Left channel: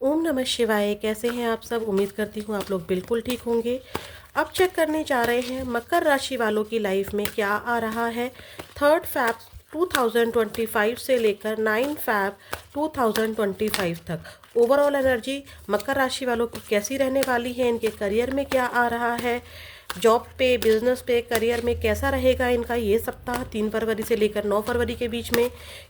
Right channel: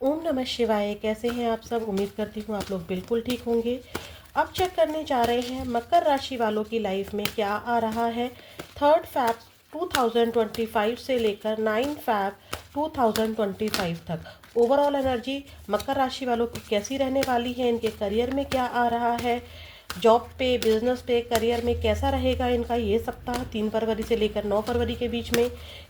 ओम नमः शिवाय। कैसे हैं आप सब? उम्मीद करती हूँ आप लोग बिल्कुल ठीक होंगे। अब चेक करने जा रहे हैं मकर राशि वालों की लाइफ में क्या आ रहा है 3 फैब 2025 से लेकर 9 फैब 2025 तक। ओवरऑल एनर्जी मकर राशि वालों की कैसी रहने वाली है, इनके करियर में क्या आ रहा है, जॉब पे, बिजनेस पे, करियर में कैसा रहेगा इनका ये सप्ताह 3 फरवरी से लेकर 9 फरवरी के बीच में,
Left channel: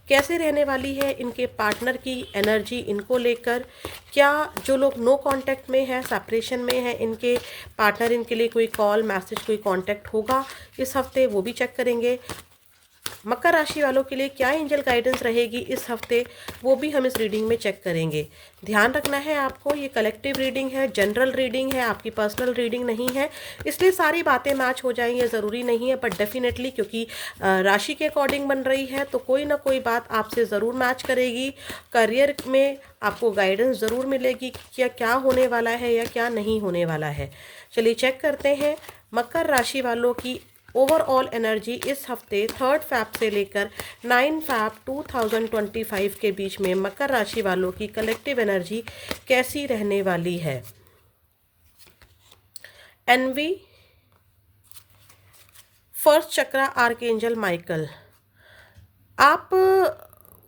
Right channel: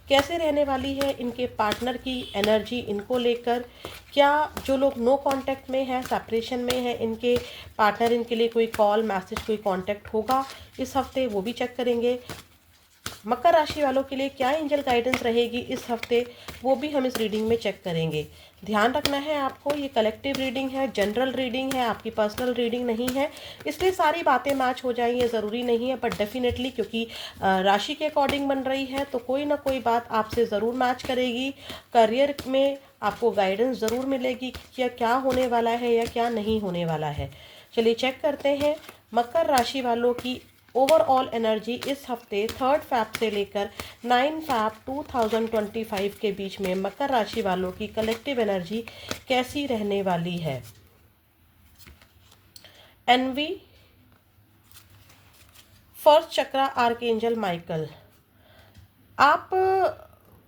कैसे रहने वाली है इनके पार्टनर की एनर्जी इनको लेकर, क्या जो लोग नो कांटेक्ट में है, सेपरेशन में है, इनके पार्टनर इनके लिए कोई कॉल मैसेज कोई कांटेक्ट होगा इस हफ्ते, वो भी चेक करेंगे। मकर राशि वालों के लिए क्या एंजल गाइडेंस रहेगी इस हफ्ते, वो भी हम इस रीडिंग में चेक करेंगे। ध्यान रखना है आपको, ये कलेक्टिव रीडिंग है, जनरल रीडिंग है, आपकी पर्सनल रीडिंग नहीं है, इसलिए सारी बातें मैच हो जाएंगी ये ज़रूरी नहीं है, बट डेफिनेटली क्योंकि राशि के अकॉर्डिंग बन रही है तो कोई ना कोई बात आपसे ज़रूर मैच करेगी। करियर में आपको गाइडेंस ज़रूर मिलेगी कि क्या क्या होने वाला है या क्या नहीं होने वाला है। चलिए चेक करते हैं मकर राशि वालों की ओवरऑल एनर्जी इस हफ्ते 3 फैब से लेकर 9 फैब 2025 के बीच में मकर राशि वालों की कलेक्टिव एनर्जी कैसी रहने वाली है। एनवी फर्स्ट चक्रा आर्कएंजल माइकल, आप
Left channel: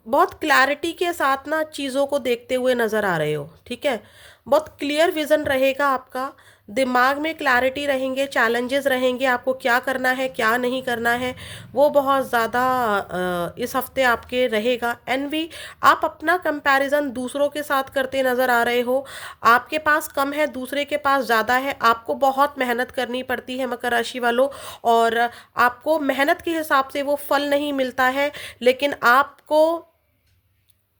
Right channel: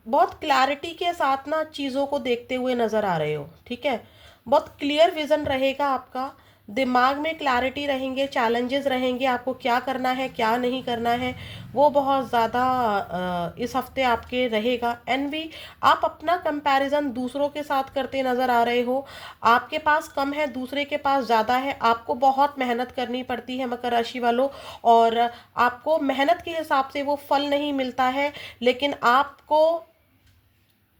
बहुत क्लैरिटी के साथ ना चीज़ों को देखते हुए नज़र आ रहे हो, ठीक है। बहुत क्लियर विज़न रहेगा आपका, दिमाग में क्लैरिटी रहेंगे, चैलेंजेस रहेंगे, आपको क्या करना है क्या नहीं करना है वो बहुत ज़्यादा इस हफ्ते आपके रहेगा। एनवी, आप अपना कंपैरिजन दूसरों के साथ करते नज़र आ रहे हो, आपके पास कम है दूसरे के पास ज़्यादा है, आपको बहुत मेहनत करनी पड़ती है मकर राशि वालों, और आपको मेहनत के हिसाब से वो फल नहीं मिलता है, लेकिन आपको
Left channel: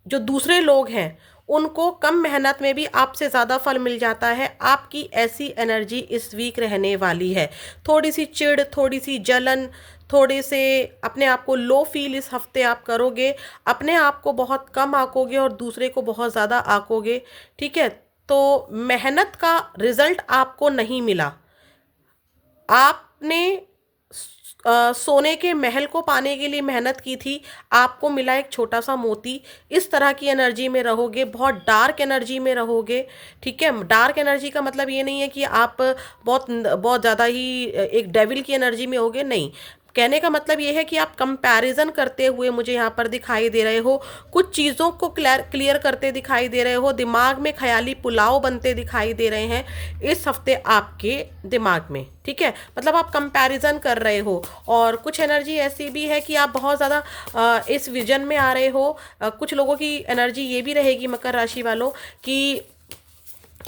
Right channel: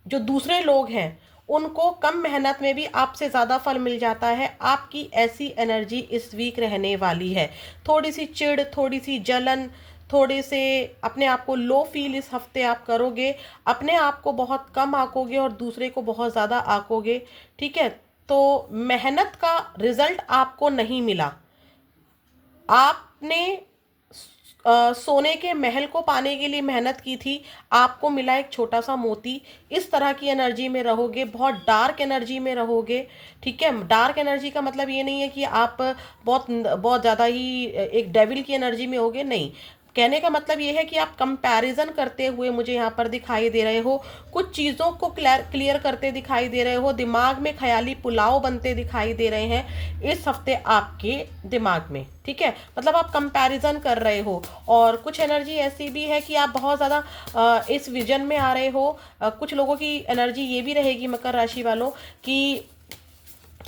जो दूसरे लोग हैं उनको कम मेहनत में भी आपसे ज़्यादा फल मिल जाता है। आपकी ऐसी एनर्जी इस वीक रहने वाली है। थोड़ी सी चिढ़, थोड़ी सी जलन, थोड़े से अपने आप को लो फील इस हफ्ते आप करोगे, अपने आप को बहुत कम आंकोगे और दूसरे को बहुत ज़्यादा आंकोगे, ठीक है। तो मेहनत का रिजल्ट आपको नहीं मिला, आपने सोने के महल को पाने के लिए मेहनत की थी, आपको मिला एक छोटा सा मोती। इस तरह की एनर्जी में रहोगे, बहुत डार्क एनर्जी में रहोगे, ठीक है। डार्क एनर्जी का मतलब ये नहीं है कि आप बहुत बहुत ज़्यादा ही एक डेविल की एनर्जी में होगे, नहीं। कहने का मतलब ये है कि आप कंपैरिजन करते हुए मुझे यहाँ पर दिखाई दे रहे हो, कुछ चीज़ों को क्लियर करते दिखाई दे रहे हो, दिमाग में ख्याली पुलाव बनते दिखाई दे रहे हैं इस हफ्ते आपके दिमाग में, ठीक है। मतलब आप कंपैरिजन कर रहे हो, और कुछ एनर्जी ऐसी भी है कि आप बहुत ज़्यादा इस विजन में आ रहे हो। कुछ लोगों की एनर्जी ये भी रहेगी मकर राशि वालों कि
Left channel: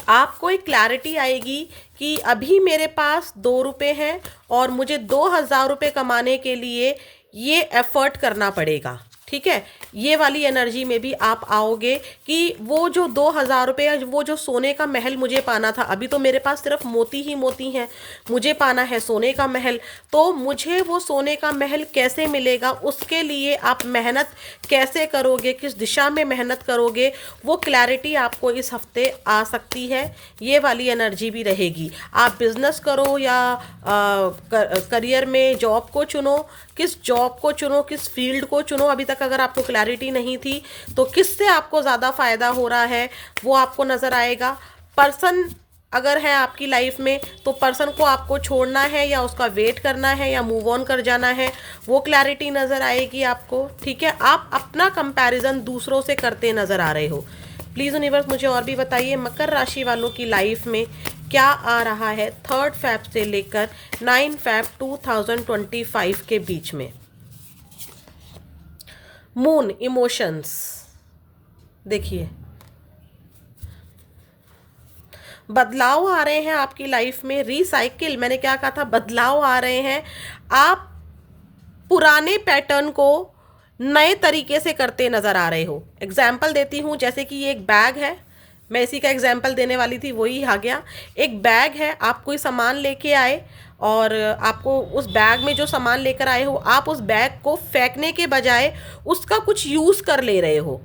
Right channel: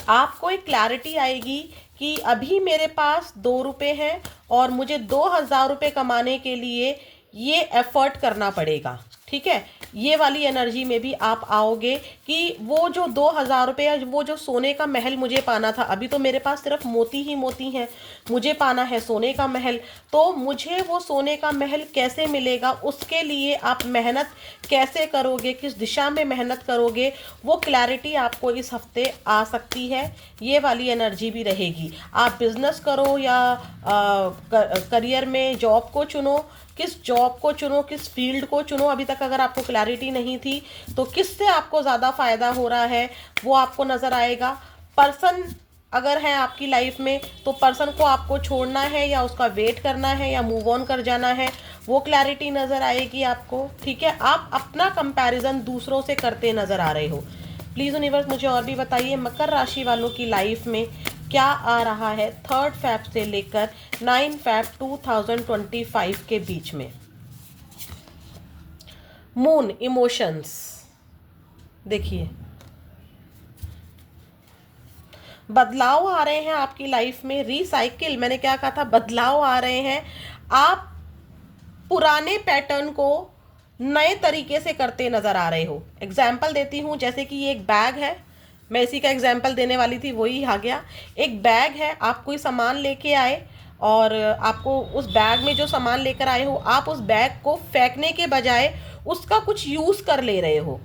आपको एक क्लैरिटी आएगी कि अभी मेरे पास 2 रुपये हैं और मुझे 2000 रुपये कमाने के लिए ये एफर्ट करना पड़ेगा, ठीक है। ये वाली एनर्जी में भी आप आओगे कि वो जो 2000 रुपये, वो जो सोने का महल मुझे पाना था, अभी तो मेरे पास सिर्फ मोती ही मोती हैं, मुझे पाना है सोने का महल, तो मुझे वो सोने का महल कैसे मिलेगा, उसके लिए आप मेहनत कैसे करोगे, किस दिशा में मेहनत करोगे, वो क्लैरिटी आपको इस हफ्ते आ सकती है। ये वाली एनर्जी भी रहेगी। आप बिजनेस करो या करियर में जॉब को चुनो, किस जॉब को चुनो, किस फील्ड को चुनो, अभी तक अगर आपको क्लैरिटी नहीं थी तो किससे आपको ज़्यादा फ़ायदा हो रहा है वो आपको नज़र आएगा। पर्सन अगर है आपकी लाइफ में तो पर्सन को आपको छोड़ना है या उसका वेट करना है या मूव ऑन कर जाना है, वो क्लैरिटी नज़र आएगी आपको, ठीक है। आप अपना कंपैरिजन दूसरों से करते नज़र आ रहे हो। प्लीज़ यूनिवर्स मुझे और भी बताइए मकर राशि वालों की लाइफ में क्या आ रहा है 3 फैब से लेकर 9 फैब 2025 के बीच में। मून इमोशंस, देखिए बदलाव आ रहे हैं आपकी लाइफ में, रिसाइकिल, मैंने क्या कहा था, बदलाव आ रहे हैं। आप पुराने पैटर्न को नए तरीके से करते नजर आ रहे हो। एग्जाम्पल देती हूँ, जैसे कि ये एक बैग है, मैं इसी का एग्जाम्पल देने वाली थी, वही आ गया। एक बैग है, आप कोई सामान लेके आए और आपको उस बैग में जो सामान लेकर आए हो, आप उस बैग को फेंकने के बजाय उसका कुछ यूज़ कर ले रहे हो।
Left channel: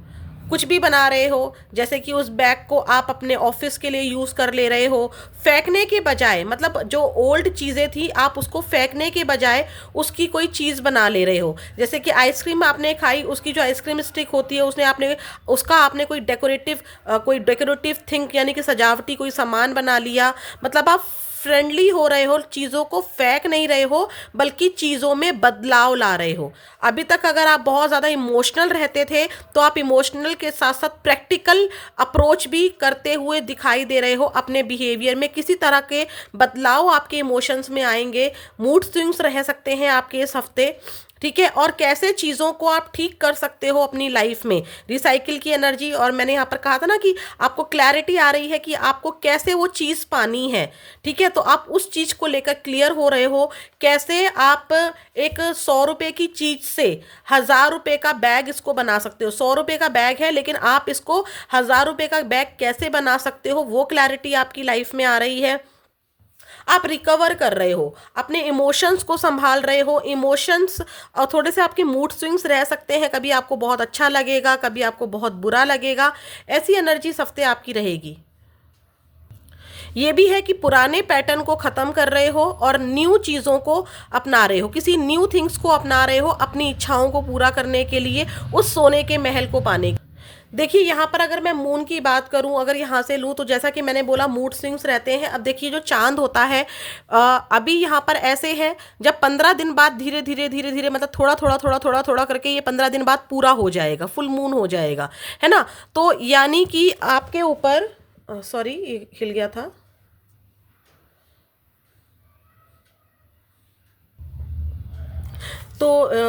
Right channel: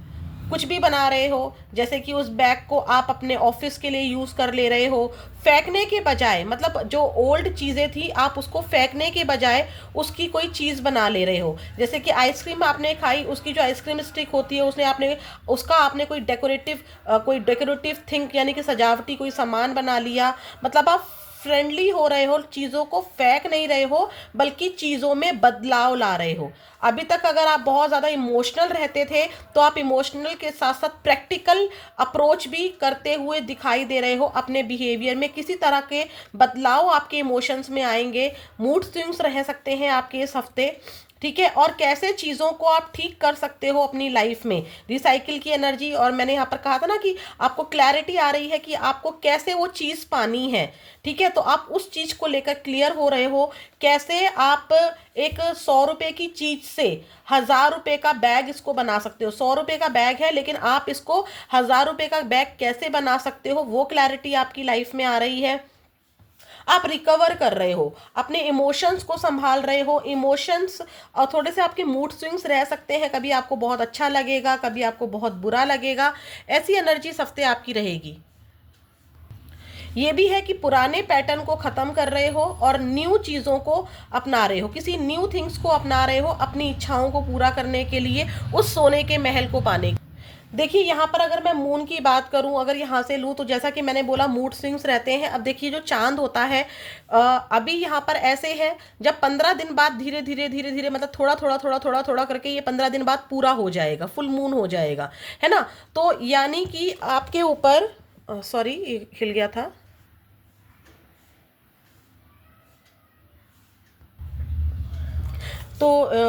कुछ भी बना रहे हो, जैसे कि उस बैग को आप अपने ऑफिस के लिए यूज कर ले रहे हो, फेंकने के बजाय, मतलब जो ओल्ड चीजें थी आप उसको फेंकने के बजाय उसकी कोई चीज बना ले रहे हो। जैसे कि आइसक्रीम आपने खाई, उसकी जो आइसक्रीम स्टिक होती है उसने आपने उसका आपने कोई डेकोरेटिव थिंग यानी कि सजावटी कोई सामान बना लिया। मतलब आप फ्रेंडली हो रहे हो, चीज़ों को फेंक नहीं रहे हो, बल्कि चीज़ों में बदलाव ला रहे हो। अभी तक अगर आप बहुत ज़्यादा इमोशनल रहते थे, तो आप इमोशनल के साथ साथ प्रैक्टिकल अप्रोच भी करते हुए दिखाई दे रहे हो। अपने बिहेवियर में किसी तरह के बदलाव आपके इमोशंस में आएंगे, मूड स्विंग्स रह सकते हैं आपके इस हफ्ते। ठीक है, और कैसे चीज़ों को आप ठीक कर सकते हो अपनी लाइफ में, रिसाइकिल की एनर्जी। और मैंने यहाँ पर कहा था ना कि आपको क्लैरिटी आ रही है कि आपको कैसे वो चीज़ पानी है। ठीक है, तो आप उस चीज़ को लेकर क्लियर हो रहे हो। कैसे आप एक 100 रुपए की चीज़ से 1000 रुपए का बैग इसको बना सकते हो। 100 रुपए का बैग है, लेकिन आप इसको 1000 रुपए का बैग कैसे बना सकते हो, वो क्लैरिटी आपकी लाइफ में आ रही है। आप रिकवर कर रहे हो, अपने इमोशंस को संभाल रहे हो। इमोशंस और थोड़े से आपके मूड स्विंग्स रह सकते हैं, कभी आपको बहुत अच्छा लगेगा, कभी आपको बहुत बुरा लगेगा। ऐसी एनर्जी इस हफ्ते आपकी रहेगी। ये भी है कि पुराने पैटर्न को खत्म कर रहे हो और न्यू चीज़ों को अपना रहे हो, किसी न्यू थिंग्स को अपना रहे हो अपनी इच्छाओं को पूरा करने के लिए, उस सोने के महल को पाने। देखिए यहाँ पर अगर मैं मून की बात करूँ, अगर यहाँ से लूँ, तो जैसा कि मैंने बोला मूड स्विंग्स रहते हैं। अब देखिए जो चांद होता है, अभी यहाँ पर ऐसे है, जब 15 दिन बाद धीरे धीरे धीरे धीरे, मतलब थोड़ा थोड़ा थोड़ा थोड़ा थोड़ा करके ये 15 दिन बाद पूरा हो जाएगा, फुल मून हो जाएगा, है ना। तो यानी कि आपके ऊपर, सॉरी हिल गया था। तो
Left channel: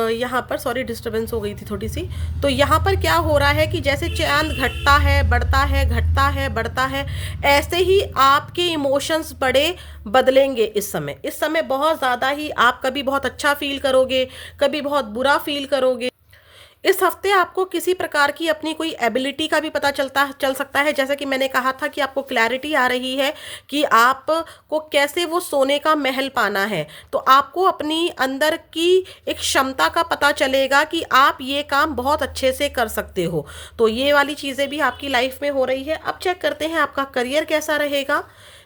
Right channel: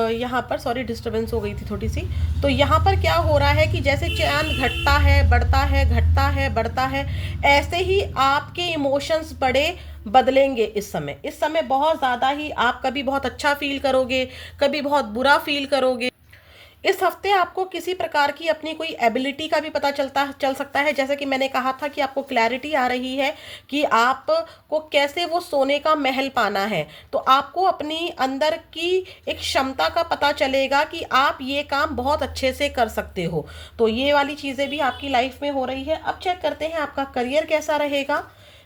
यहाँ पर सॉरी डिस्टरबेंस हो गई थी थोड़ी सी। तो यहाँ पर क्या हो रहा है कि जैसे चांद घटता है, बढ़ता है, घटता है, बढ़ता है, ऐसे ही आपके इमोशंस बड़े बदलेंगे इस समय। इस समय बहुत ज़्यादा ही आप कभी बहुत अच्छा फील करोगे, कभी बहुत बुरा फील करोगे। इस हफ्ते आपको किसी प्रकार की अपनी कोई एबिलिटी का भी पता चल सकता है। जैसे कि मैंने कहा था कि आपको क्लैरिटी आ रही है कि आपको कैसे वो सोने का महल पाना है। तो आपको अपनी अंदर की एक क्षमता का पता चलेगा कि आप ये काम बहुत अच्छे से कर सकते हो। तो ये वाली चीज़ें भी आपकी लाइफ में हो रही है। अब चेक करते हैं आपका करियर कैसा रहेगा।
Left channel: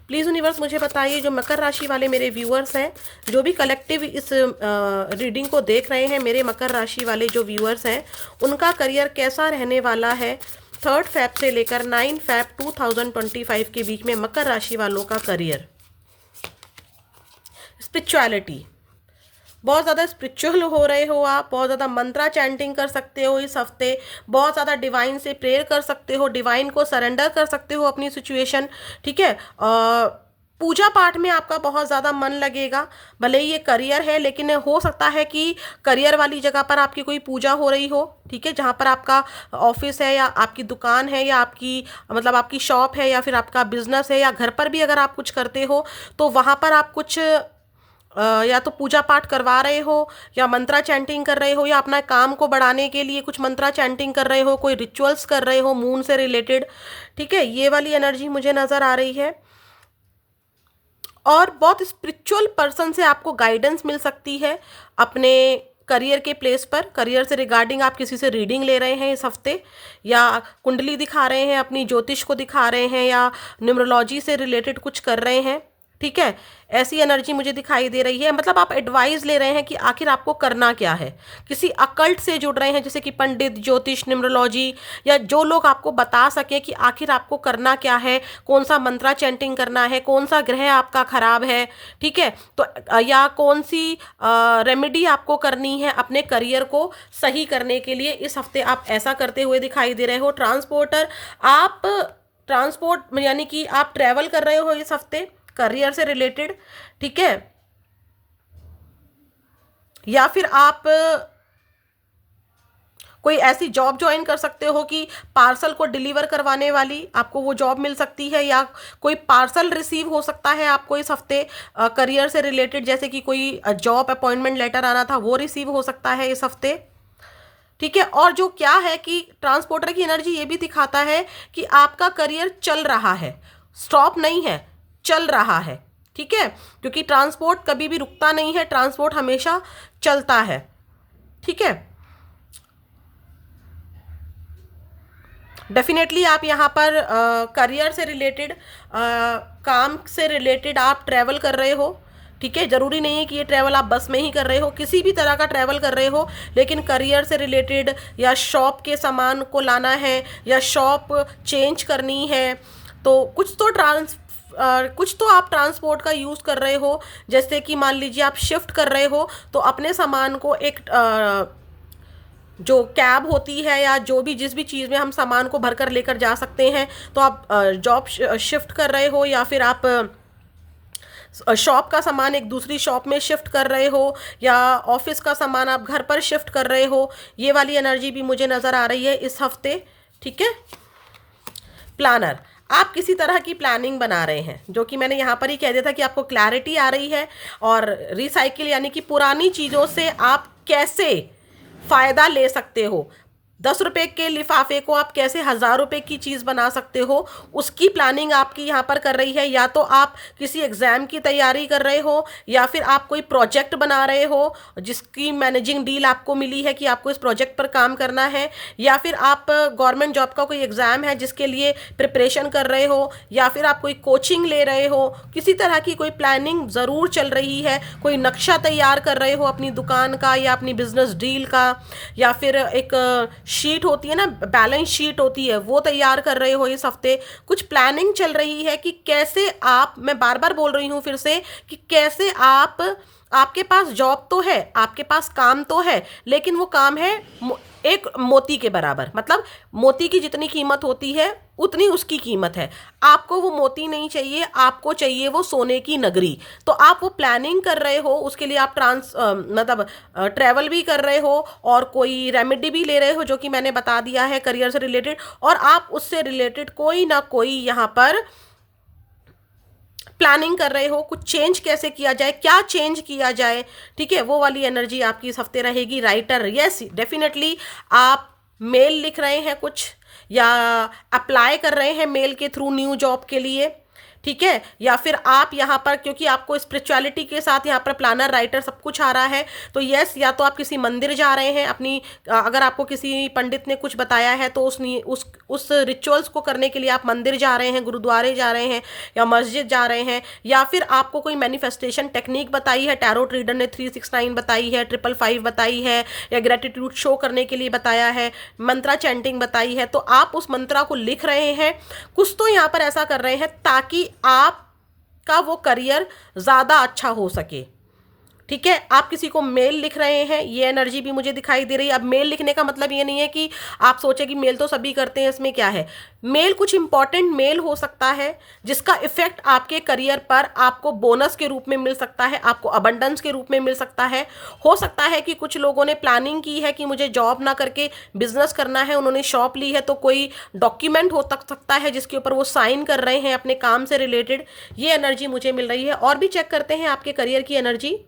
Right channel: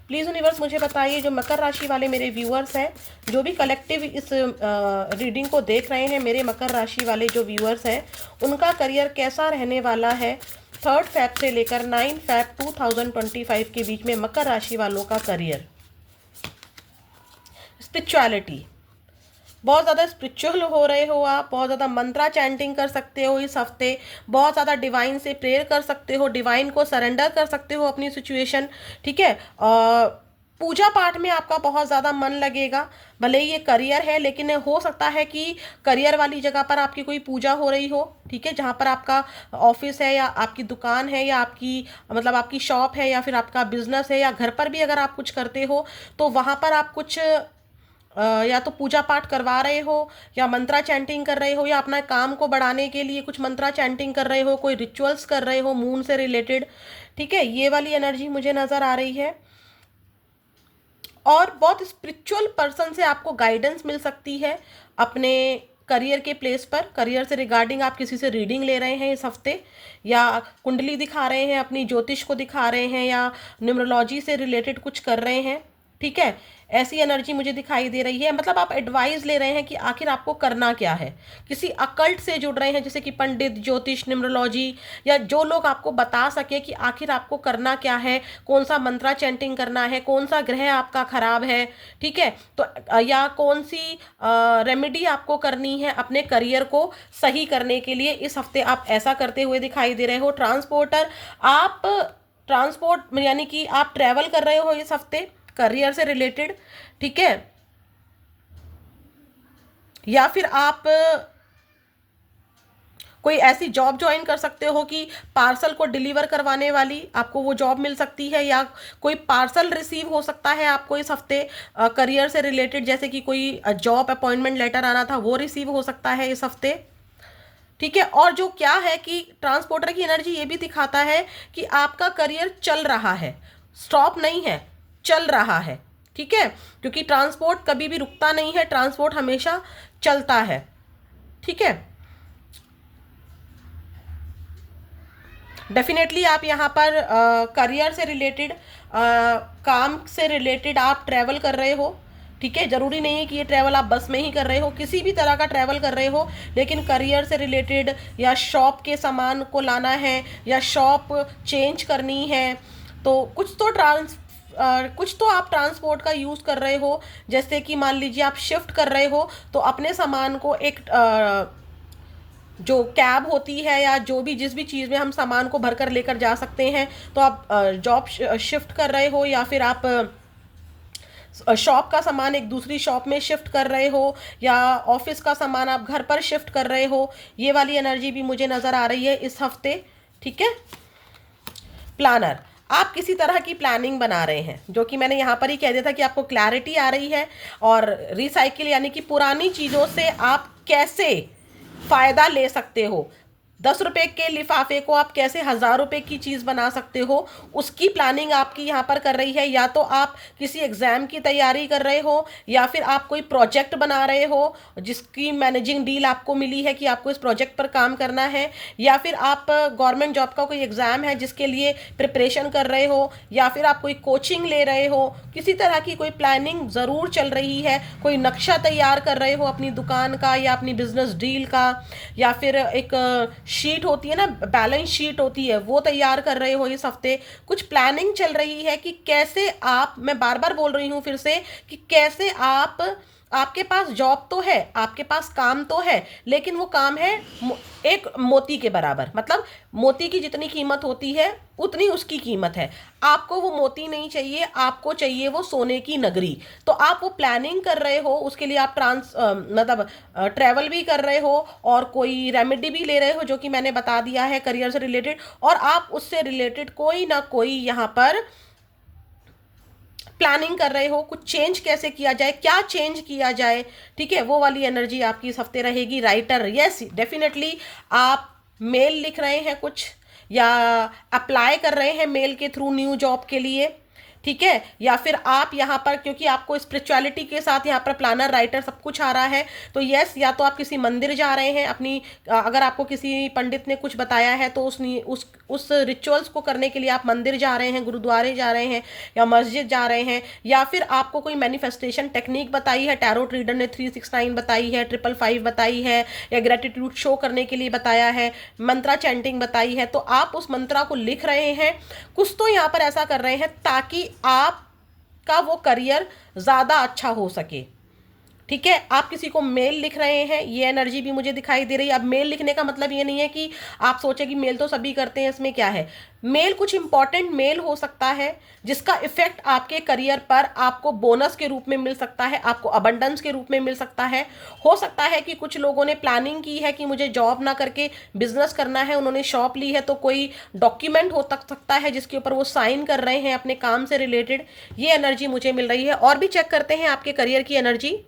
प्लीज़ यूनिवर्स मुझे बताइए, जो मकर राशि वाले मेरे व्यूअर्स हैं, जो भी कलेक्टिव इस रीडिंग को देख रहे हैं, मेरे मकर राशि वाले जो व्यूअर्स हैं, उनका करियर कैसा रहने वाला है। 3 फेब से लेकर 9 फेब 2025 के बीच में मकर राशि वालों का करियर। स्पिरिचुअलिटी, बहुत ज़्यादा स्पिरिचुअल हो रहे हो आप, बहुत ज़्यादा मंत्रा चैंटिंग कर सकते हो इस हफ्ते, बहुत ज़्यादा डिवाइन से प्रेयर कर सकते हो, डिवाइन को सरेंडर कर सकते हो अपनी सिचुएशन। ठीक है, पूजा पाठ में आपका बहुत ज़्यादा मन लगेगा। भले ही ये करियर है, लेकिन हो सकता है कि करियर वाली जगह पर आपकी कोई पूजा हो रही हो। ठीक है, जहाँ पर आपका ऑफिस है या आपकी दुकान है या आपकी मतलब आपकी शॉप है या फिर आपका बिजनेस है, या घर पर भी अगर आप कुछ करते हो, तो वहाँ पर आप कुछ या तो पूजा पाठ करवा रहे हो, या मंत्रा चैंटिंग कर रहे हो, या अपना काम को बढ़ाने के लिए कुछ मंत्रा चैंटिंग कर रहे हो, कोई रिचुअल्स कर रहे हो मून से रिलेटेड। ठीक है, ये वाली एनर्जी मुझे नज़र आ रही है। और बहुत स्पिरिचुअल पर्सन से आपको गाइडेंस मिल सकती है अपने करियर के प्लेस पर। करियर से रिगार्डिंग आप किसी से रीडिंग ले रहे हैं इस हफ्ते, या कुंडली दिखा रहे हैं, अपनी ज्योतिष को दिखा रहे हैं, या न्यूमरोलॉजी से रिलेटेड कुछ कर रहे हैं। ठीक है, ऐसी एनर्जी मुझे दिखाई दे रही है। मतलब आप एडवाइस ले रहे हैं कि आखिर आपको करना क्या है। किसी अकल्ट से जुड़ रहे हैं, जैसे कि पंडित, ज्योतिष, न्यूमरोलॉजी, या जो लोग आपको बता सके कि आखिर आपको करना क्या है, कौन सा मंत्रा चैंटिंग करना है, कौन सा ग्रह आपका खराब है। ठीक है, तो या कौन सी रेमेडी आपको करनी है अपने करियर को सही करने के लिए। इस हफ्ते आप ऐसा करते हुए दिखाई दे रहे हो। ट्रांसपोर्टर, आप ट्रांसपोर्ट यानी कि आप ट्रैवल कर रहे हो इस हफ्ते करियर से रिलेटेड। ठीक है, या फिर आप कोई ऐसी जॉब ज्वाइन कर सकते हो कि पार्सल को डिलीवर करवाने वाली, आपको वो जॉब मिल सकती है, या कोई पार्सल रिसीव हो सकता है आपको इस हफ्ते करियर से रिलेटेड। जैसे कि कोई जॉब अपॉइंटमेंट लेटर आना था, वो रिसीव हो सकता है इस हफ्ते। ठीक है, और जो क्या है कि ट्रांसपोर्टर की एनर्जी ये भी दिखाता है कि आपका करियर चल रहा है, स्टॉप नहीं है, चल रहा है। ठीक है, क्योंकि ट्रांसपोर्ट कभी भी रुकता नहीं है, ट्रांसपोर्ट हमेशा चलता है। ठीक है, डेफिनेटली आप यहाँ पर करियर से रिलेटेड, काम से रिलेटेड आप ट्रैवल कर रहे हो, ठीक है। ज़रूरी नहीं है कि ये ट्रैवल आप बस में ही कर रहे हो, किसी भी तरह का ट्रैवल कर रहे हो, लेकिन करियर से रिलेटेड या शॉप के सामान को लाना है या शॉप चेंज करनी है, तो कुछ तो आप ट्रांसपोर्ट का यूज़ कर रहे हो। जैसे कि मान लीजिए आप शिफ्ट कर रहे हो, तो अपने सामान को एक जो कैब होती है या जो भी जिस भी चीज़ में हम सामान को भर कर लेकर जा सकते हैं, तो आप जॉब शिफ्ट कर रहे हो या फिर आप शॉप का सामान एक दूसरी शॉप में शिफ्ट कर रहे हो या ऑफिस का सामान आप घर पर शिफ्ट कर रहे हो। ये वाली एनर्जी भी मुझे नज़र आ रही है इस हफ्ते, ठीक है। प्लानर, आप किसी तरह की प्लानिंग बना रहे हैं, जो कि मैंने यहाँ पर ही कह दिया था कि आपको क्लैरिटी आ रही है। और रिसाइकिल यानी कि पुरानी चीज़ों से आप कैसे फ़ायदा ले सकते हो, 10 रुपए के लिफाफे को आप कैसे 1000 रुपए की चीज़ बना सकते हो, उसकी प्लानिंग आपकी यहाँ पर कर रही है। या तो आप किसी एग्ज़ाम की तैयारी कर रहे हो या फिर आप कोई प्रोजेक्ट बना रहे हो जिसकी मैनेजिंग डील आपको मिली है कि आपको इस प्रोजेक्ट पर काम करना है, या फिर आप गवर्नमेंट जॉब का कोई एग्ज़ाम है जिसके लिए प्रिपरेशन कर रहे हो, या फिर आप कोई कोचिंग ले रहे हो। किसी तरह की कोई प्लानिंग ज़रूर चल रही है, कोई नक्शा तैयार कर रहे हो अपनी दुकान का या अपनी बिजनेस डील का, या फिर एक शीट होती है ना, बैलेंस शीट होती है, वो तैयार कर रहे हो इस हफ्ते। कुछ प्लानिंग चल रही है कि कैसे आप, मैं बार बार बोल रही हूँ फिर से, कि कैसे आप, आपके पास जॉब तो है, आपके पास काम तो है, लेकिन वो काम है एक मोती के बराबर। मतलब मोती की जितनी कीमत होती है उतनी उसकी कीमत है। आपको वो मोती नहीं चाहिए, आपको चाहिए वो सोने की नगरी। तो आप वो प्लानिंग कर रहे हो, उसके लिए आप मतलब ट्रैवल भी कर रहे हो और कोई रेमेडी भी ले रहे हो, जो कि मैंने बता दिया है करियर से रिलेटेड। और आप उससे रिलेटेड कोई ना कोई यहाँ पर प्लानिंग कर रहे हो, कुछ चेंज कैसे किया जाए, क्या चेंज किया जाए, ठीक है। वो वाली एनर्जी आपकी इस हफ्ते रहेगी। राइटर, यस डेफिनेटली आप मेल लिख रहे हैं कुछ, या अप्लाई कर रहे हैं मेल के थ्रू न्यू जॉब के लिए, ठीक है। या फिर आप यहाँ पर, क्योंकि आपको स्पिरिचुअलिटी के साथ यहाँ पर प्लानर, राइटर सब कुछ आ रहा है, तो यस, या तो आप किसी मंदिर जा रहे हैं अपनी, अगर आपको किसी पंडित ने कुछ बताया है तो उस रिचुअल्स को करने के लिए आप मंदिर जा रहे हैं, गुरुद्वारे जा रहे हैं या मस्जिद जा रहे हैं। या फिर आपको कोई मैनिफेस्टेशन टेक्निक बताई है, टैरोट रीडर ने 369 बताई है, 555 बताई है, या ग्रेटिट्यूड शो करने के लिए बताया है, मंत्रा चैंटिंग बताई है, तो आप उस मंत्रा को लिख रहे हैं। कुछ तो यहाँ पर ऐसा कर रहे हैं ताकि आपका वो करियर ज़्यादा अच्छा हो सके, ठीक है। आप किसी को मेल लिख रहे हैं, ये एनर्जी भी मुझे दिखाई दे रही है। अब मेल लिखने का मतलब ये नहीं है कि आप सोचे कि मेल तो सभी करते हैं, इसमें क्या है। मेल कुछ इंपॉर्टेंट मेल हो सकता है जिसका इफेक्ट आपके करियर पर आपको बोनस के रूप में मिल सकता है, आपको अबंडेंस के रूप में मिल सकता है। हो सकता है कि कुछ लोगों ने प्लानिंग की है कि मुझे जॉब ना करके बिजनेस करना है, उन्होंने शॉप ली है, तो कोई डॉक्यूमेंट हो सकता है जिसके ऊपर वो साइन कर रहे हैं अपने काम से रिलेटेड। ये एनर्जी मुझे मिल रही है। और भी चेक करते हैं आपके करियर की एनर्जी,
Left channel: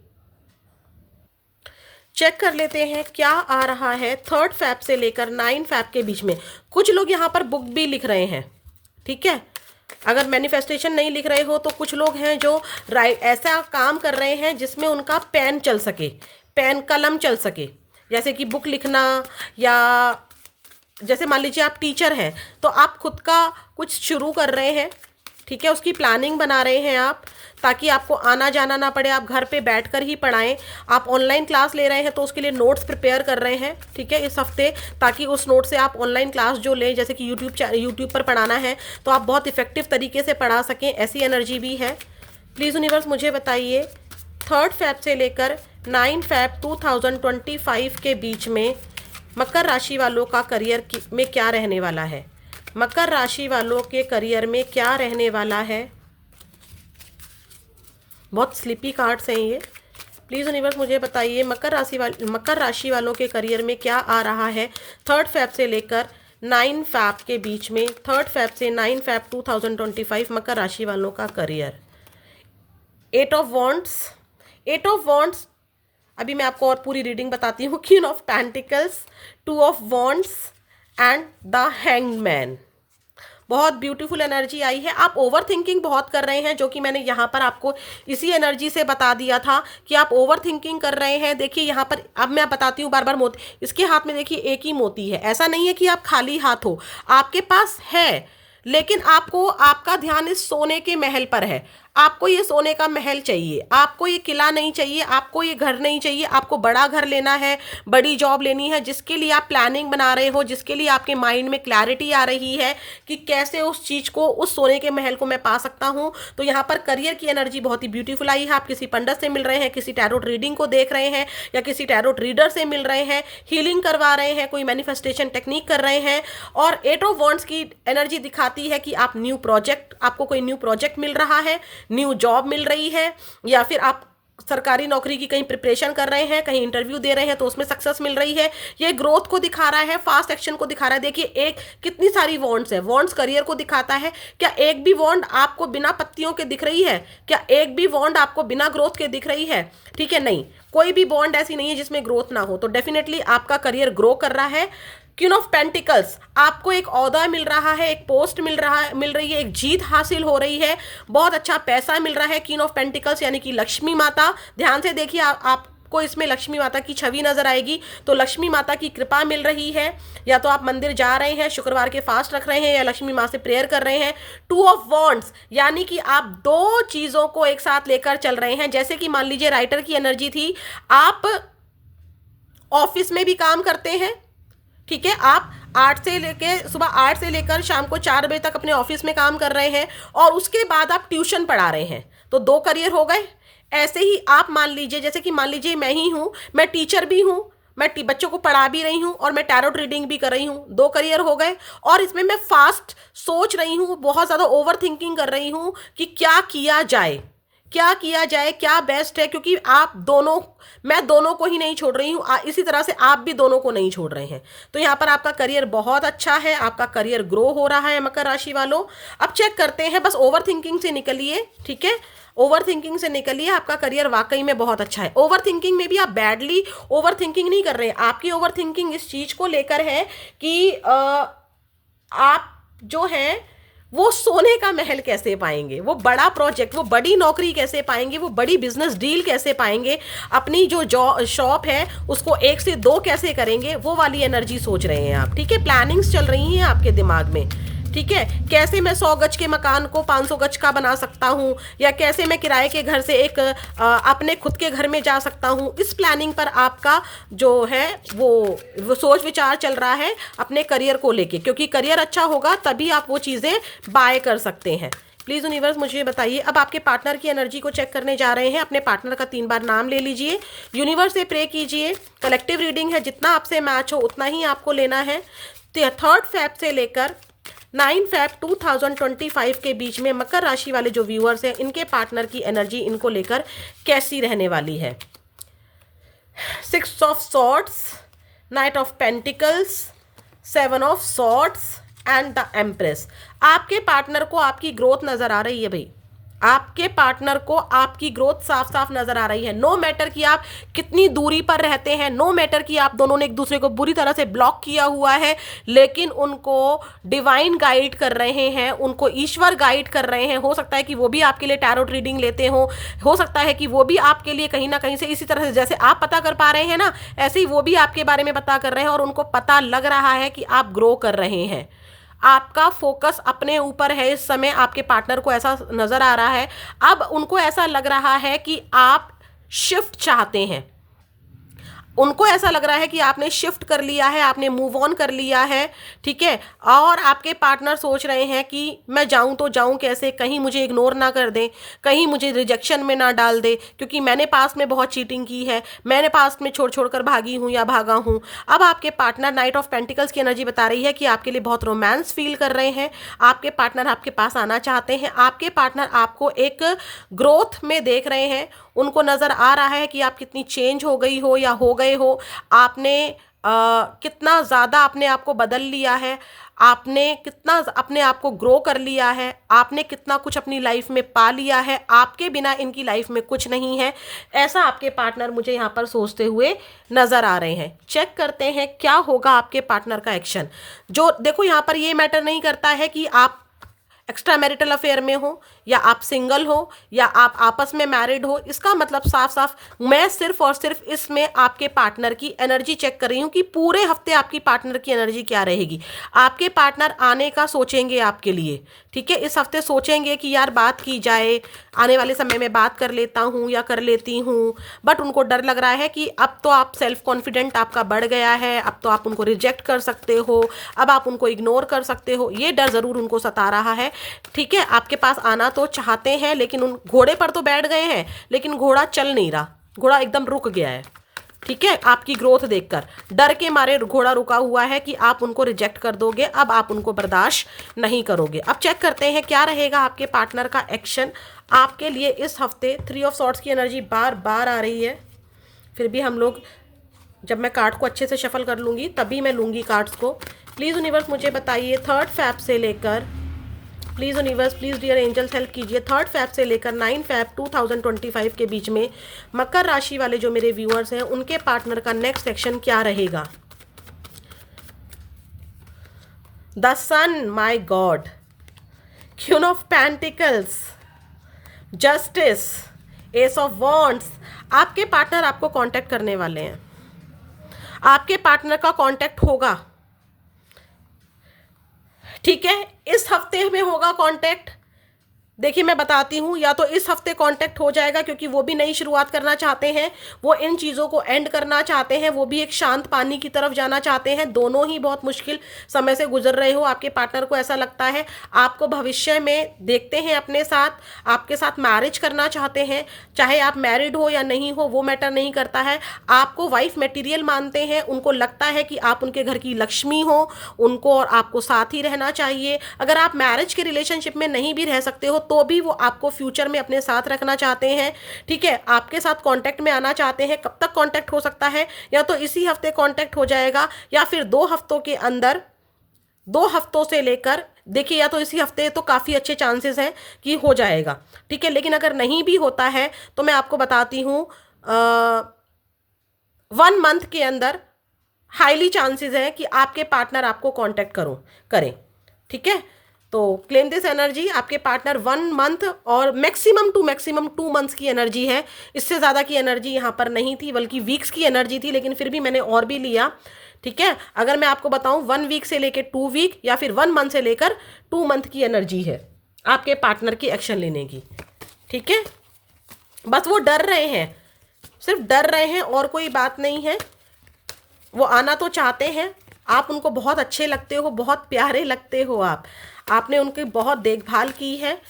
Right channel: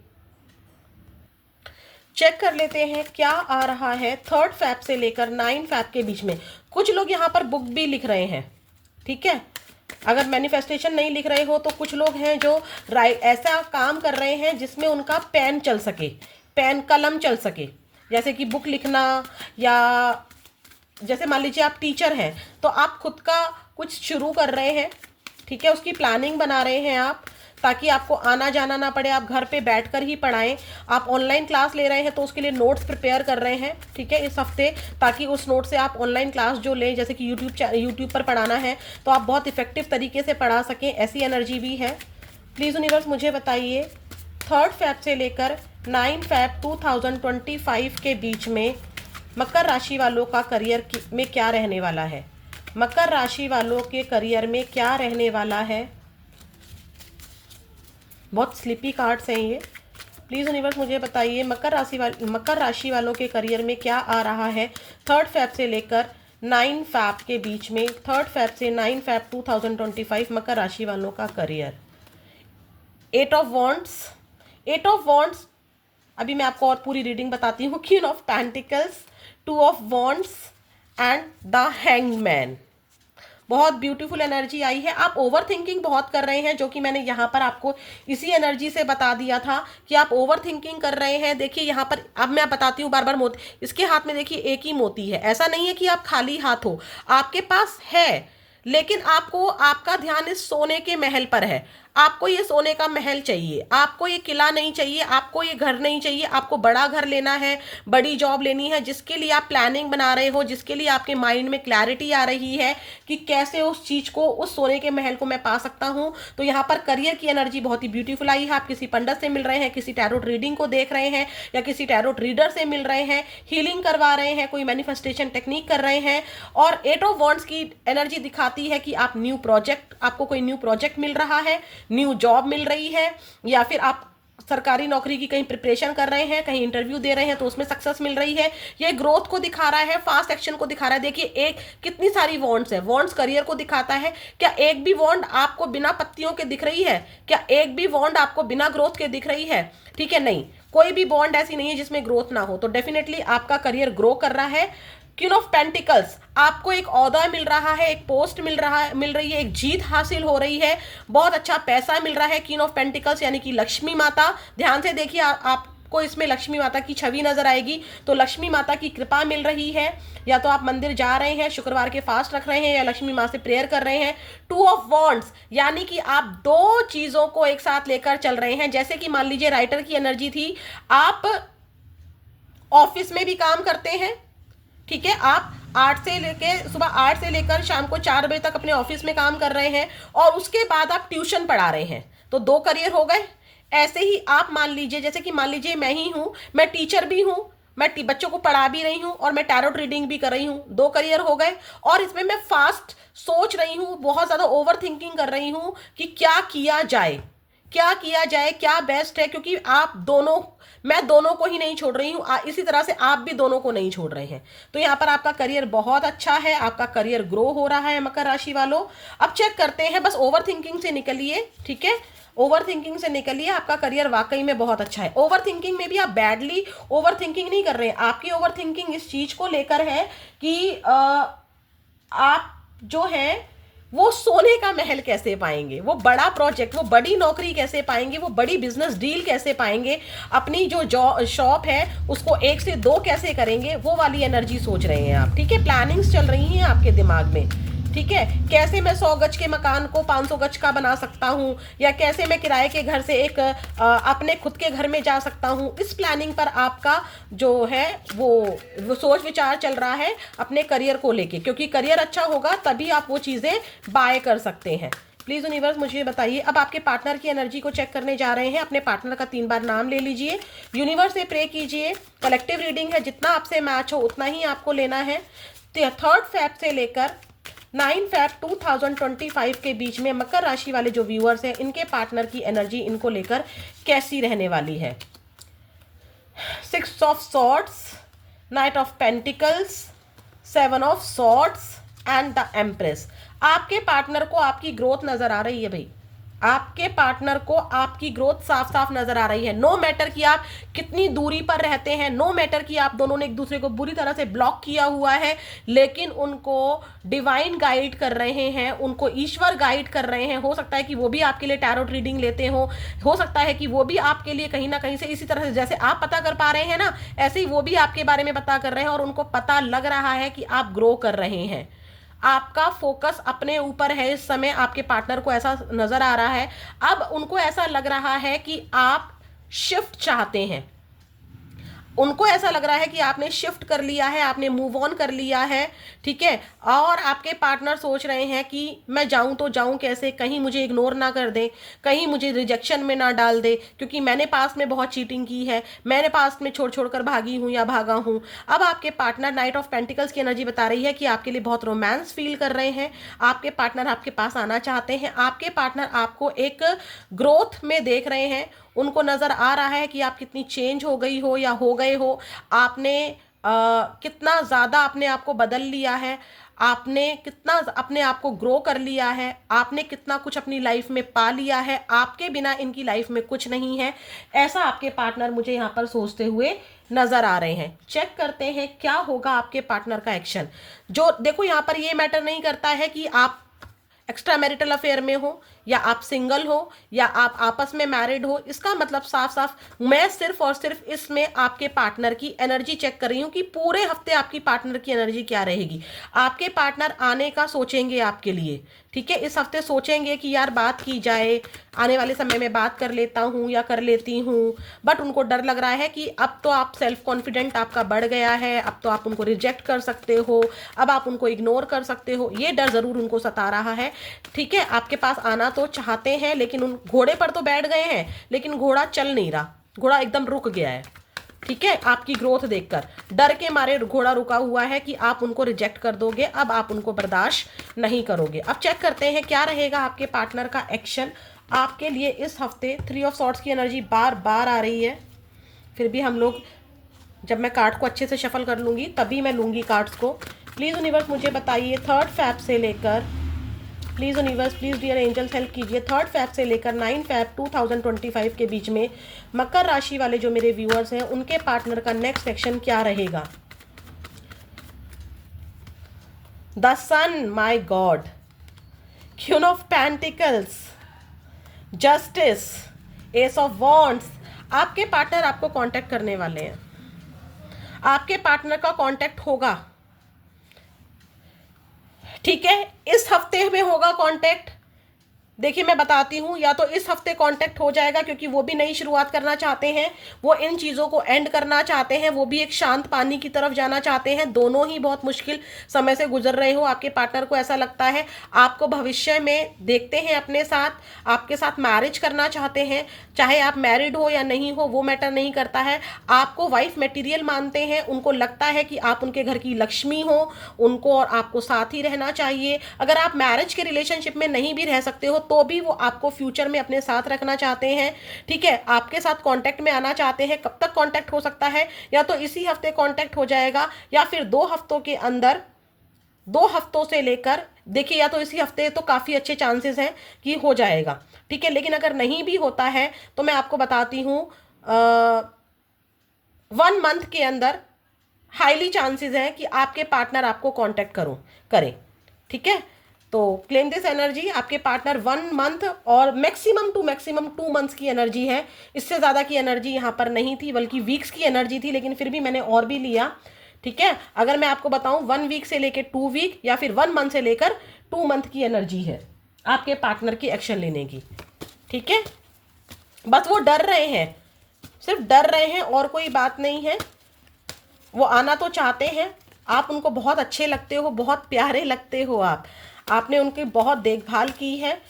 चेक कर लेते हैं क्या आ रहा है 3 फैब से लेकर 9 फैब के बीच में। कुछ लोग यहाँ पर बुक भी लिख रहे हैं, ठीक है। अगर मैनिफेस्टेशन नहीं लिख रहे हो तो कुछ लोग हैं जो ऐसा काम कर रहे हैं जिसमें उनका पेन चल सके, पेन कलम चल सके, जैसे कि बुक लिखना, या जैसे मान लीजिए आप टीचर हैं तो आप खुद का कुछ शुरू कर रहे हैं, ठीक है, उसकी प्लानिंग बना रहे हैं आप, ताकि आपको आना जाना ना पड़े, आप घर पे बैठकर ही पढ़ाएं। आप ऑनलाइन क्लास ले रहे हैं तो उसके लिए नोट्स प्रिपेयर कर रहे हैं, ठीक है, इस हफ्ते, ताकि उस नोट से आप ऑनलाइन क्लास जो लें, जैसे कि यूट्यूब पर पढ़ाना है तो आप बहुत इफेक्टिव तरीके से पढ़ा सकें, ऐसी एनर्जी भी है। प्लीज़ यूनिवर्स मुझे बताइए 3 फैब से लेकर 9 फैब 2025 के बीच में मकर राशि वालों का करियर में क्या रहने वाला है। मकर राशि वालों के करियर में क्या रहने वाला है। बहुत स्लिपी कार्ड्स हैं ये। प्लीज़ यूनिवर्स मुझे बताइए मकर राशि वालों के करियर में क्या आ रहा है 3 फैब से लेकर 9 फैब के बीच में। 3 फैब से 9 फैब 2025 मकर राशि वालों का career. 8 of wands, 8 of wands, अभी मैं आपको और पूरी रीडिंग बताती हूँ। Queen of pentacles, 2 of wands and the hangman. बहुत ब्यूटीफुल एनर्जी आई है। आप ओवर थिंकिंग बहुत कर रहे हैं, जो कि मैंने यहाँ पर आपको इसी एनर्जी से बता दिया था कि आप ओवर थिंकिंग कर रहे हैं। देखिए यहाँ पर अब मैं बताती हूँ बार बार, मोती इसके हाथ में देखिए एक ही मोती है। ऐसा नहीं है कि आप खाली हाथ हो, आपके पास है, लेकिन आपको आपका ध्यान इस सोने के महल पर है। आपको ये सोने का महल चाहिए, आपको ये किला नहीं चाहिए, आपको ये घर नहीं चाहिए। आपको बड़ा घर लेना है, बड़ी जॉब लेनी है, जिसके लिए आप प्लानिंग बना रहे हो, जिसके लिए आपके माइंड में क्लैरिटी आ रही है कि कैसे उस चीज को, उस सोने के महल को मैं पा सकता हूं। तो यहाँ पर करियर की एनर्जी बहुत ही ब्यूटीफुल आई है। आप किसी पंडित से मिल रहे हैं, किसी टैरोट रीडिंग को देख रहे हैं, या किसी टैरोट रीडर से मिल रहे हैं, हीलिंग करवा रहे हैं, कोई मैनिफेस्टेशन टेक्निक कर रहे हैं। और 8 ऑफ वॉन्ड्स की एनर्जी दिखाती है कि आप न्यू प्रोजेक्ट, आपको कोई न्यू प्रोजेक्ट मिल रहा है, न्यू जॉब मिल रही है, या फिर आप सरकारी नौकरी की कहीं प्रिपरेशन कर रहे हैं, कहीं इंटरव्यू दे रहे हैं तो उसमें सक्सेस मिल रही है। ये ग्रोथ को दिखा रहा है, फास्ट एक्शन को दिखा रहा है। देखिए एक कितनी सारी वॉन्ड्स है, वॉन्ड्स करियर को दिखाता है। क्या एक भी वॉन्ड आपको बिना पत्तियों के दिख रही है? क्या एक भी वॉन्ड आपको बिना ग्रोथ के दिख रही है? ठीक है, नहीं, कोई भी बॉन्ड ऐसी नहीं है जिसमें ग्रोथ ना हो। तो डेफिनेटली आपका करियर ग्रो कर रहा है। क्वीन ऑफ पेंटिकल्स, आपको एक ओहदा मिल रहा है, एक पोस्ट मिल रही है, एक जीत हासिल हो रही है, बहुत अच्छा पैसा मिल रहा है। क्वीन ऑफ पेंटिकल्स यानी कि लक्ष्मी माता, ध्यान से देखिए, आपको इसमें लक्ष्मी माता की छवि नजर आएगी। तो लक्ष्मी माता की कृपा मिल रही है। या तो आप मंदिर जा रहे हैं, शुक्रवार के फास्ट रख रहे हैं, या लक्ष्मी माँ से प्रेयर कर रहे हैं। 2 ऑफ वॉन्ड्स यानी कि आप दो चीजों को एक साथ लेकर चल रहे हैं। जैसे कि मान लीजिए राइटर की एनर्जी थी, आप ऑफिस में भी काम करते हैं, ठीक है, आप 8 से लेके सुबह 8 से लेकर शाम को 4 बजे तक अपने ऑफिस में काम कर रहे हैं, और उसके बाद आप ट्यूशन पढ़ा रहे हैं, तो 2 करियर हो गए। ऐसे ही आप मान लीजिए, जैसे कि मान लीजिए मैं ही हूं, मैं टीचर भी हूं, मैं बच्चों को पढ़ा भी रही हूं, और मैं टैरोट रीडिंग भी कर रही हूं, 2 करियर हो गए। और इसमें मैं फास्ट सोच रही हूं, बहुत ज्यादा ओवर थिंकिंग कर रही हूं कि क्या किया जाए, क्या किया जाए, क्या बेस्ट है, क्योंकि आप दोनों, मैं दोनों को ही नहीं छोड़ रही हूं, इसी तरह से आप भी दोनों को नहीं छोड़ रहे हैं। तो यहां पर आपका करियर बहुत अच्छा है, आपका करियर ग्रो हो रहा है मकर राशि वालों। अब चेक करते हैं, बस ओवर थिंकिंग से निकलिए, ठीक है, ओवर थिंकिंग से निकलिए, आपका करियर वाकई में बहुत अच्छा है। ओवर थिंकिंग में भी आप बैडली ओवर थिंकिंग नहीं कर रहे हैं। आपकी ओवर थिंकिंग इस चीज को लेकर है कि आप जो है वो सोने का महल कैसे पाएंगे, वो बड़ा प्रोजेक्ट, वो बड़ी नौकरी कैसे पाएंगे, वो बड़ी बिजनेस डील कैसे पाएंगे, अपनी जो शॉप है उसको 1 से 2 कैसे करेंगे, वो वाली एनर्जी सोच रहे हैं आप, ठीक है। प्लानिंग्स चल रही हैं आपके दिमाग में, ठीक है। कैसे मैं 100 गज के मकान को 500 गज का बना सकता हूँ, या कैसे मैं किराए के घर से एक अपने खुद के घर में जा सकता हूँ, इस प्लानिंग पर आपका जो है वो सोच विचार चल रहा है अपने करियर को लेके, क्योंकि करियर अच्छा होगा तभी आप वो चीज़ें बाय कर सकते हैं। प्लीज़ यूनिवर्स मुझे बताइए। अब आपके पार्टनर की एनर्जी को चेक करने जा रहे हैं। अपने पार्टनर का 3 बार नाम ले लीजिए, यूनिवर्स से प्रे कीजिए। कलेक्टिव रीडिंग है, जितना आपसे मैच हो उतना ही आपको लेना है। 3 फेब से लेकर 9 फेब 2025 के बीच में मकर राशि वाले जो व्यूअर्स हैं, इनके पार्टनर की एनर्जी इनको लेकर कैसी रहने वाली है। 6 of swords, night of pentacles, 7 of swords and the empress. आपके पार्टनर को आपकी ग्रोथ नजर आ रही है भाई, आपके पार्टनर को आपकी ग्रोथ साफ साफ नजर आ रही है। नो मैटर कि आप कितनी दूरी पर रहते हैं, नो मैटर कि आप दोनों ने एक दूसरे को बुरी तरह से ब्लॉक किया हुआ है, लेकिन उनको डिवाइन गाइड कर रहे हैं, उनको ईश्वर गाइड कर रहे हैं। हो सकता है कि वो भी आपके लिए टैरोट रीडिंग लेते हो सकता है कि वो भी आपके लिए कहीं ना कहीं से इसी तरह से जैसे आप पता कर पा रहे हैं ना, ऐसे ही वो भी आपके बारे में पता कर रहे हैं, और उनको पता लग रहा है कि आप ग्रो कर रहे हैं। आपका फोकस अपने ऊपर है इस समय, आपके पार्टनर को ऐसा नजर आ रहा है। अब उनको ऐसा लग रहा है कि आप शिफ्ट चाहते हैं, उनको ऐसा लग रहा है कि आपने शिफ्ट कर लिया है, आपने मूव ऑन कर लिया है, ठीक है। और आपके पार्टनर सोच रहे हैं कि मैं जाऊं तो जाऊं कैसे, कहीं मुझे इग्नोर ना कर दें, कहीं मुझे रिजेक्शन में ना डाल दे, क्योंकि मैंने पास्ट में बहुत चीटिंग की है, मैंने पास्ट में छोड़ छोड़ कर भागी हूं या भागा हूं। अब आपके पार्टनर, नाइट ऑफ पेंटिकल्स की एनर्जी बता रही है कि आपके लिए बहुत रोमांस फील कर रहे हैं। आपके पार्टनर आपके पास आना चाहते हैं, आपके पार्टनर आपको एक ग्रोथ में देख रहे हैं। उनको नज़र आ रहा है कि आप कितनी चेंज हो गई हो या हो गए हो, आपने कितना ज़्यादा अपने आप को बदल लिया है। आपने कितना अपने आप को ग्रो कर लिया है, आपने कितना कुछ अपनी लाइफ में पा लिया है, आपके बिना इनकी लाइफ में कुछ नहीं है, ऐसा आपके पार्टनर मुझे यहाँ पर सोचते हुए नजर आ रहे हैं। चेक करते हैं क्या होगा आपके पार्टनर का एक्शन। जो देखो यहाँ पर ये मैटर नहीं करता है कि आप एक्स्ट्रा मैरिटल अफेयर में हो या आप सिंगल हो या आप आपस में मैरिड हो, इसका मतलब साफ साफ मैं सिर्फ और सिर्फ इसमें आपके पार्टनर की एनर्जी चेक कर रही हूँ कि पूरे हफ्ते आपकी पार्टनर की एनर्जी क्या रहेगी। आपके पार्टनर आने का सोचेंगे आपके लिए, ठीक है, इस हफ्ते सोचेंगे कि यार बात की जाए, आने वाले समय में बात कर लेता हूँ या कर लेती हूँ, बट उनको डर लग रहा है कि अब तो आप सेल्फ कॉन्फिडेंट आपका बढ़ गया है, अब तो आप उनको रिजेक्ट कर सकते हो, अब आप उनको इग्नोर कर सकते हो, ये डर जरूर उनको सता रहा है। ठीक है, आपके पास आना तो चाहते हैं, लेकिन उन घोड़े पर तो बैठ गए हैं, लेकिन घोड़ा चल नहीं रहा, घोड़ा एकदम रुक गया है। ठीक है, आपकी ग्रोथ देखकर डर के मारे घोड़ा रुका हुआ है कि आप उनको रिजेक्ट कर दोगे, अब आप उनको बर्दाश्त नहीं करोगे। अब चेक करते हैं क्या रहेगा आपके पार्टनर का एक्शन आपके लिए इस हफ्ते। 3 ऑफ सॉर्ड्स की एनर्जी बार बार आ रही है, फिर भी हम लोग, जब मैं कार्ड को अच्छे से शफल कर लूँगी तभी मैं लूँगी कार्ड्स को। प्लीज़ यूनिवर्स मुझे बताइए 3 फेब से लेकर, please universe, please dear angels help कीजिए, 3 फेब से लेकर 9 फेब 2025 के बीच में मकर राशि वाले जो मेरे व्यूअर्स हैं उनके पार्टनर का नेक्स्ट एक्शन क्या रहेगा। The sun, my god, queen of pentacles, justice, ace of wands. आपके पार्टनर आपको कांटेक्ट करने वाले हैं, आपके पार्टनर का कांटेक्ट होगा, ठीक है, इस हफ्ते में होगा कांटेक्ट। देखिए मैं बताती हूँ, या तो इस हफ्ते कांटेक्ट हो जाएगा क्योंकि वो भी नई शुरुआत करना चाहते हैं, वो इन चीज़ों को एंड करना चाहते हैं, वो भी एक शांत पानी की तरफ जाना चाहते हैं। दोनों ही बहुत मुश्किल समय से गुजर रहे हो, आपके पार्टनर को ऐसा लगता है आपको भविष्य में देखते हैं अपने साथ, आपके साथ मैरिज करना चाहते हैं, चाहे आप मैरिड हो या नहीं हो वो मैटर नहीं करता है, आपको वाइफ मटेरियल मानते हैं, उनको लगता है कि आप उनके घर की लक्ष्मी हो, उनको और आपको साथ ही रहना चाहिए। अगर आप मैरिज के रिलेशनशिप में नहीं भी रह सकते हो तो भी वो आपको फ्यूचर में अपने साथ रखना चाहते हैं, ठीक है, आपके साथ कांटेक्ट में आना चाहते हैं। कब तक कांटेक्ट हो सकता है, या तो इसी हफ्ते कांटेक्ट हो जाएगा या फिर 2 हफ्तों के अंदर, 2 हफ्तों से लेकर, देखिए या तो इसी हफ्ते तो काफ़ी अच्छे चांसेस हैं कि हो जाएगा, ठीक है, लेकिन अगर नहीं भी होता है तो मैं आपको बताती हूँ 1 मंथ के अंदर हाईली चांसेस हैं कि आपके पार्टनर आपको कांटेक्ट करें, ठीक है। तो क्लेम दिस एनर्जी, आपके पार्टनर 1 मंथ और मैक्सिमम 2 मंथ्स की एनर्जी है, इससे ज़्यादा की एनर्जी यहाँ पर नहीं थी, बल्कि वीक्स की एनर्जी थी, लेकिन फिर भी मैंने और भी लिया, ठीक है। अगर मैं आपको बताऊँ 1 वीक से लेकर 2 वीक या फिर 1 मंथ से लेकर 2 मंथ की एनर्जी है आपके पार्टनर की एक्शन लेने की, ठीक है। बस वो डर रहे हैं, सिर्फ डर रहे हैं और कोई बात नहीं है। वो आना तो चाहते हैं, आप उनको बहुत अच्छे लगते हो, बहुत प्यारे लगते हो, आपने उनकी बहुत देखभाल की है,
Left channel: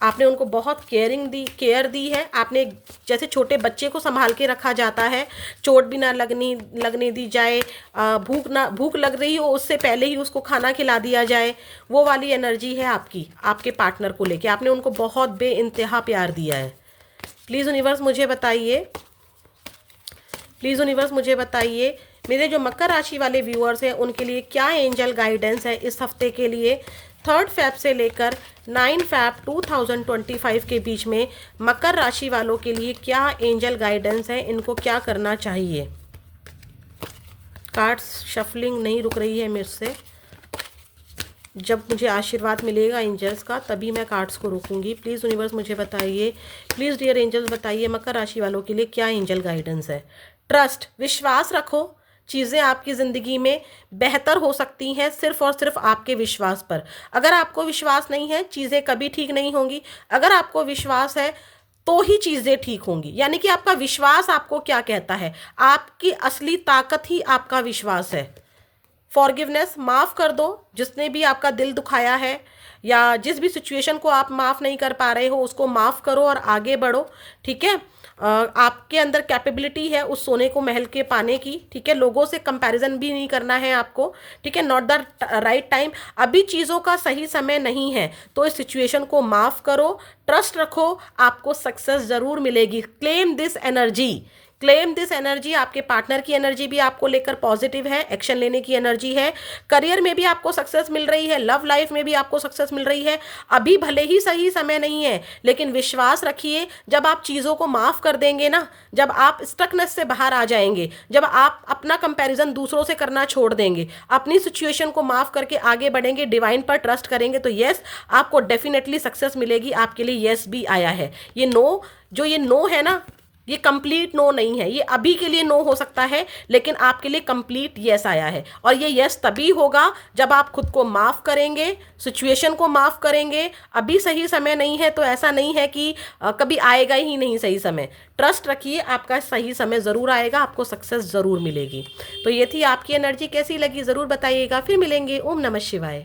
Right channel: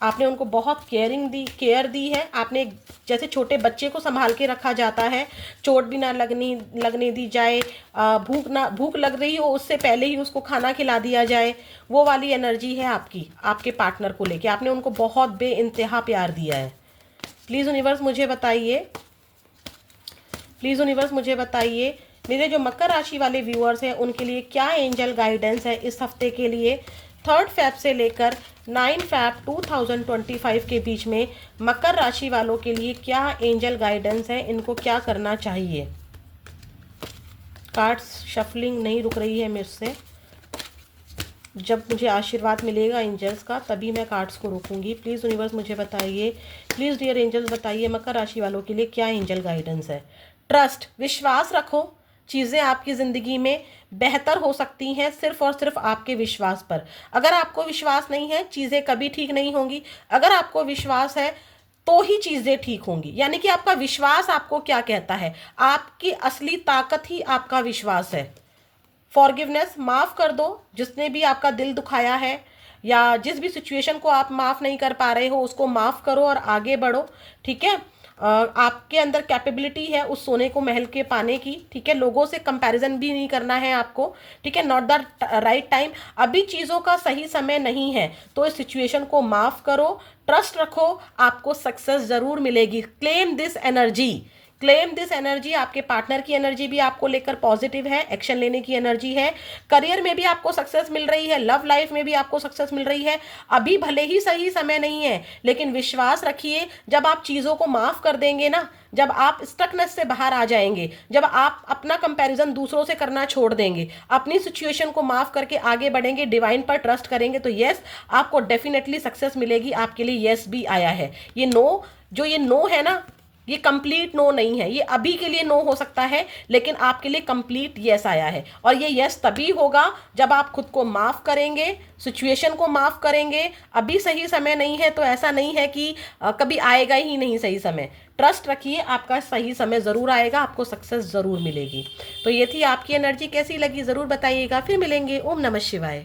आपने उनको बहुत केयर दी है, आपने जैसे छोटे बच्चे को संभाल के रखा जाता है, चोट भी ना लगने दी जाए, भूख लग रही हो उससे पहले ही उसको खाना खिला दिया जाए, वो वाली एनर्जी है आपकी आपके पार्टनर को लेके। आपने उनको बहुत बेइंतहा प्यार दिया है। प्लीज़ यूनिवर्स मुझे बताइए, प्लीज़ यूनिवर्स मुझे बताइए मेरे जो मकर राशि वाले व्यूअर्स हैं उनके लिए क्या एंजल गाइडेंस है इस हफ्ते के लिए। 3 फेब से लेकर 9 फेब 2025 के बीच में मकर राशि वालों के लिए क्या एंजल गाइडेंस है, इनको क्या करना चाहिए। कार्ड्स शफलिंग नहीं रुक रही है मेरे से, जब मुझे आशीर्वाद मिलेगा एंजल्स का तभी मैं कार्ड्स को रोकूंगी। प्लीज़ यूनिवर्स मुझे बताइए, प्लीज़ डियर एंजल्स बताइए मकर राशि वालों के लिए क्या एंजल गाइडेंस है। ट्रस्ट, विश्वास रखो, चीज़ें आपकी ज़िंदगी में बेहतर हो सकती हैं सिर्फ और सिर्फ आपके विश्वास पर। अगर आपको विश्वास नहीं है चीज़ें कभी ठीक नहीं होंगी, अगर आपको विश्वास है तो ही चीज़ें ठीक होंगी। यानी कि आपका विश्वास आपको क्या कहता है, आपकी असली ताकत ही आपका विश्वास है। फॉरगिवनेस, माफ़ कर दो जिसने भी आपका दिल दुखाया है, या जिस भी सिचुएशन को आप माफ़ नहीं कर पा रहे हो उसको माफ़ करो और आगे बढ़ो, ठीक है। आपके अंदर कैपेबिलिटी है उस सोने को महल के पाने की, ठीक है। लोगों से कंपैरिजन भी नहीं करना है आपको, ठीक है। नॉट द राइट टाइम, अभी चीज़ों का सही समय नहीं है, तो इस सिचुएशन को माफ़ करो, ट्रस्ट रखो, आपको सक्सेस ज़रूर मिलेगी। Claim this energy, claim this energy. आपके पार्टनर की एनर्जी भी आपको लेकर पॉजिटिव है, एक्शन लेने की एनर्जी है। करियर में भी आपको सक्सेस मिल रही है, लव लाइफ में भी आपको सक्सेस मिल रही है। अभी भले ही सही समय नहीं है, लेकिन विश्वास रखिए, जब आप चीज़ों को माफ़ कर देंगे ना, जब आप स्टकनेस से बाहर आ जाएंगे, जब आप अपना कंपैरिजन दूसरों से करना छोड़ देंगे, अपनी सिचुएशन को माफ़ करके आगे बढ़ेंगे, डिवाइन पर ट्रस्ट करेंगे, तो यस, आपको डेफिनेटली सक्सेस मिलेगी। आपके लिए यस भी आया है। ये नो, जो ये नो है ना, ये कंप्लीट नो नहीं है, ये अभी के लिए नो हो सकता है, लेकिन आपके लिए कंप्लीट यस आया है। और ये यस तभी होगा जब आप खुद को माफ़ करेंगे, सिचुएशन को माफ़ करेंगे। अभी सही समय नहीं है तो ऐसा नहीं है कि कभी आएगा ही नहीं सही समय। ट्रस्ट रखिए, आपका सही समय ज़रूर आएगा, आपको सक्सेस ज़रूर मिलेगी। तो ये थी आपकी एनर्जी, कैसी लगी ज़रूर बताइएगा। फिर मिलेंगे। ओम नमः शिवाय।